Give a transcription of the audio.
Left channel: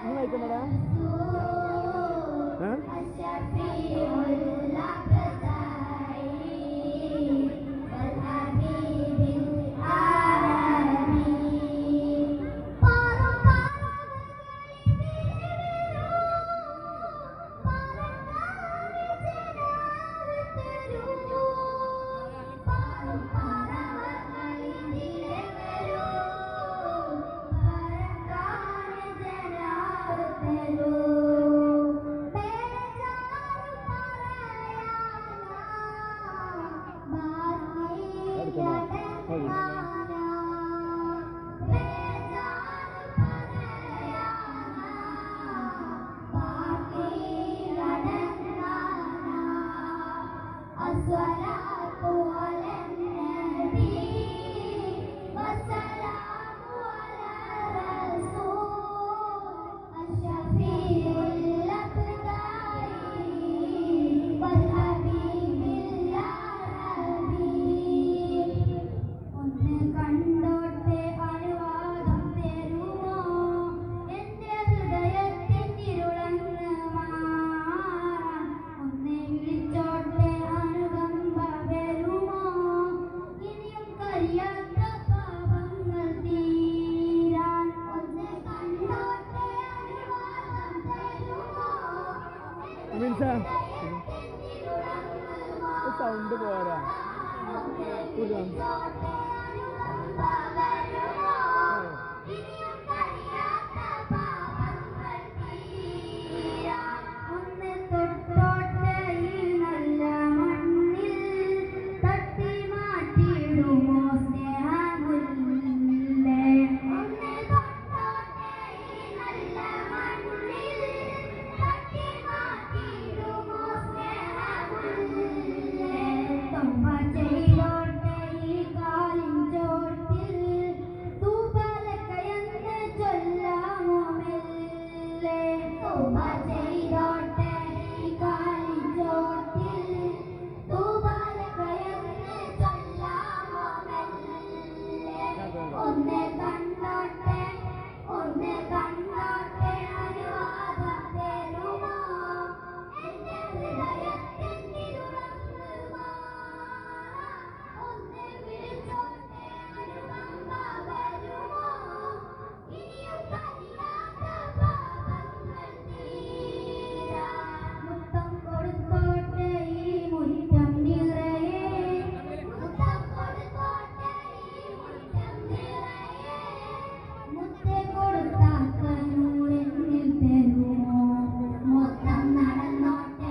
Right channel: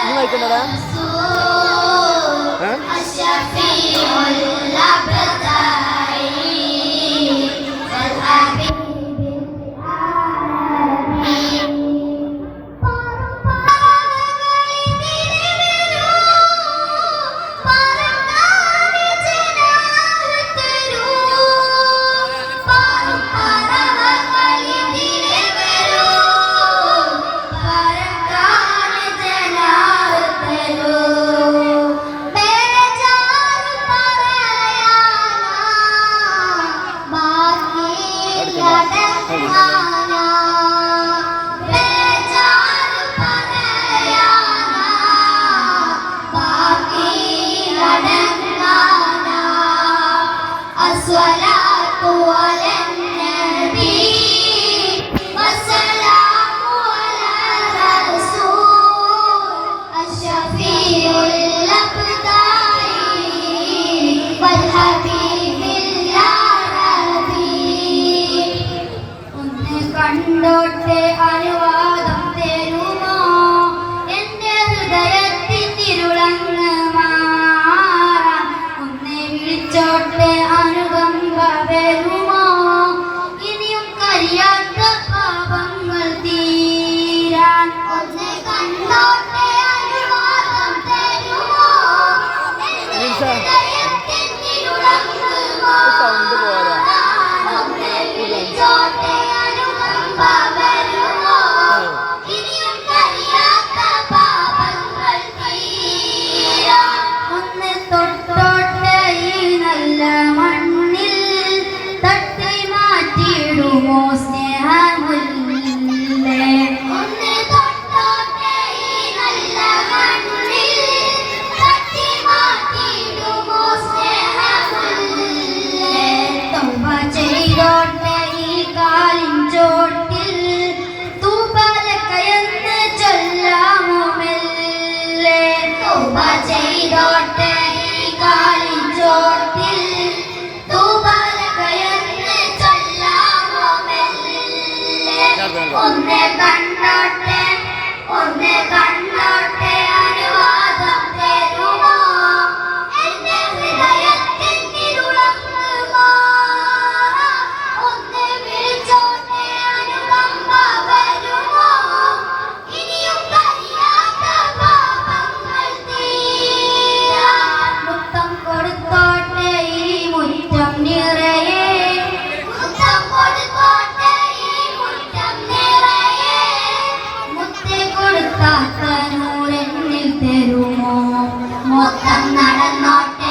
നീ വായിക്കണ്ടടാ കണ്ടോട്ടെ അനുവാദം തരുമോ എന്റെ ഹൃദയത്തിരുളങ്ങ് മാറാൻ ഒന്നെ വിളിച്ചോട്ടെ അനുകമ്പ വരുമോ ഇനിയും കഴിയാത്ത പാപങ്ങൾ തീരാൻ ഒന്നെ കണ്ടോട്ടെ അനുവാദം തരുമോ എന്റെ ഹൃദയത്തിരുളങ്ങ് മാറാൻ ഒന്നെ വിളിച്ചോട്ടെ ഒന്ന് തൊട്ടോട്ടെ ഈ നല്ല മണ്ണിൽ തട്ടി മാറ്റിയിടുമോ സ്നേഹമുല്ലേ ഒന്ന് തൊട്ടോട്ടെ ഈ നല്ല മണ്ണിൽ തട്ടി മാറ്റിയിടുമോ സ്നേഹമുല്ലേ തൗബ ചെയ്തോട്ടെ ഈ കാലിൻ ചോട്ടിൽ തൂബലക്കയെന്ന് ചൊല്ലാമോ മെല്ലെ തൗബ ചെയ്തോട്ടെ ഈ കാലിൻ ചോട്ടിൽ തൂബലക്കയെന്ന് ചൊല്ലാമോ മെല്ലെ ഒന്നെ കണ്ടോട്ടെ അനുവാദം തരുമോ എന്റെ ഹൃദയത്തിരുളങ്ങ് മാറാൻ ഒന്നെ വിളിച്ചോട്ടെ അനുകമ്പ വരുമോ ഇനിയും കഴിയാത്ത പാപങ്ങൾ തീരാൻ മുത്തം കൊടുത്തോട്ടെ ഈ മുറ്റം നിറയെ മുത്തം കൊടുത്തോട്ടെ ഈ മുറ്റം നിറയെ മുത്തേ കൊടുക്കാത്ത നൂരെന്നിൽ തരുമോ മൊത്തം നടന്നോട്ടെ